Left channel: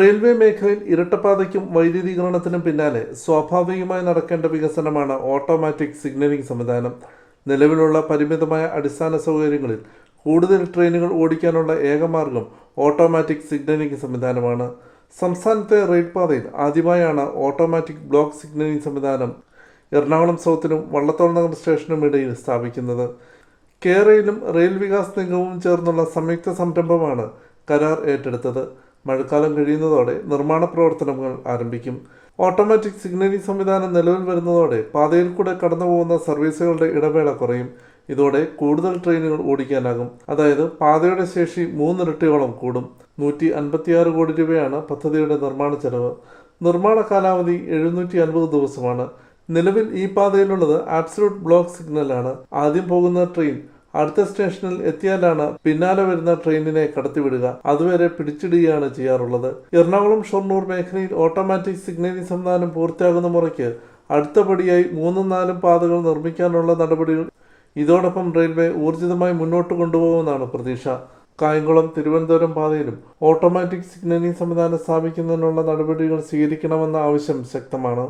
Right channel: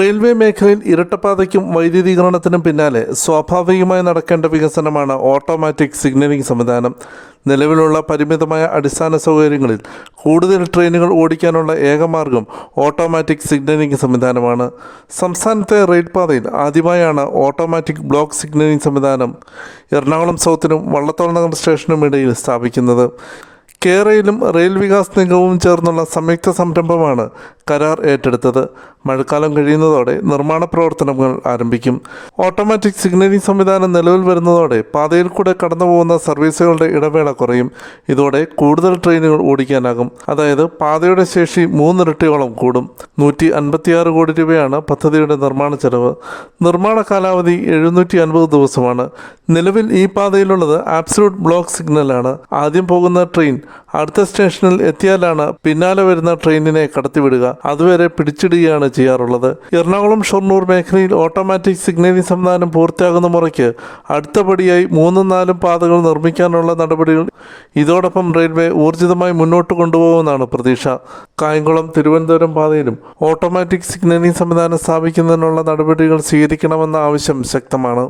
Railway മേഖലയിൽ ഇരട്ടപ്പാതയ്ക്കും വൈദ്യുതീകരണത്തിനും പിന്നാലെ സ്വാഭാവികമായി നടക്കേണ്ട വികസനമാണ് ഓട്ടോമാറ്റിക് സിഗ്നലിംഗ് സംവിധാനം. നിലവിലുള്ള പരിമിതമായ അടിസ്ഥാന സൗകര്യങ്ങളിൽ കൂടുതൽ ട്രെയിനുകൾ ഓടിക്കാനുള്ള ഏകമാർഗം ഓട്ടോമാറ്റിക് സിഗ്നലിംഗ് സംവിധാനമാണ്. സംസ്ഥാനത്തെ റെയിൽപാതയിൽ ആദ്യമായാണ് ഓട്ടോമാറ്റിക് ബ്ലോക്ക് സിഗ്നലിംഗ് സംവിധാനം എറണാകുളം സൗത്തിനും വള്ളത്തോൾ നഗർ സ്റ്റേഷനും ഇടയിൽ സ്ഥാപിക്കുന്നത്. കേരളയിലും റെയിൽ വികാസ് നിഗമവും ചേർന്നുള്ള സംയുക്ത സംരംഭമാണ് കരാർ ഏറ്റെടുത്തത്. മഴക്കാലം കഴിയുന്നതോടെ നിർമ്മാണ പ്രവർത്തനങ്ങൾ ആരംഭിക്കും. ഓട്ടോമാറ്റിക് സിഗ്നലിംഗ് സംവിധാനം നിലവിൽ വരുന്നതോടെ പാതയിൽ കൂടെ കടന്നുപോകുന്ന സർവീസുകളുടെ ഇടവേള കുറയും. ഇതോടെ കൂടുതൽ ട്രെയിനുകൾ ഓടിക്കാനാകും. അതായത് പാതയുടെ ശേഷി 3 ഇരട്ടിയോളം കൂടും. 156 കോടി രൂപയാണ് പദ്ധതിയുടെ നിർമ്മാണ ചെലവ്. നിർമ്മാണ കാലാവധി 750 ദിവസമാണ്. നിലവിൽ ഈ പാതയിലുള്ളത് ആബ്സലൂട്ട് ബ്ലോക്ക് സിഗ്നലാണ്. ആദ്യം പോകുന്ന ട്രെയിൻ അടുത്ത സ്റ്റേഷനിൽ എത്തിയാലാണ് പിന്നാലെ വരുന്ന ട്രെയിനിനെ കടത്തിവിടുക. അതുവരെ പിടിച്ചിടുകയാണ് ചെയ്യാറുള്ളത്. എറണാകുളം ഷൊർണൂർ മേഖലയിൽ ഓട്ടോമാറ്റിക് സിഗ്നലിംഗ് സംവിധാനം പൂർത്തിയാകുന്ന മുറയ്ക്ക് അടുത്തപടിയായി 3-4 പാതകൾ നിർമ്മിക്കാനുള്ള നടപടികൾ ഇതോടൊപ്പം റെയിൽവേ ഊർജിതമായി മുന്നോട്ട് കൊണ്ടുപോകുമെന്നാണ് പ്രതീക്ഷ. കായംകുളം തിരുവനന്തപുരം പാതയിലും ഓട്ടോമാറ്റിക് സിഗ്നലിംഗ് സംവിധാനം സ്ഥാപിക്കുന്നതിനുള്ള നടപടികൾ സ്വീകരിക്കണമെന്ന ആവശ്യം ശക്തമാണ്.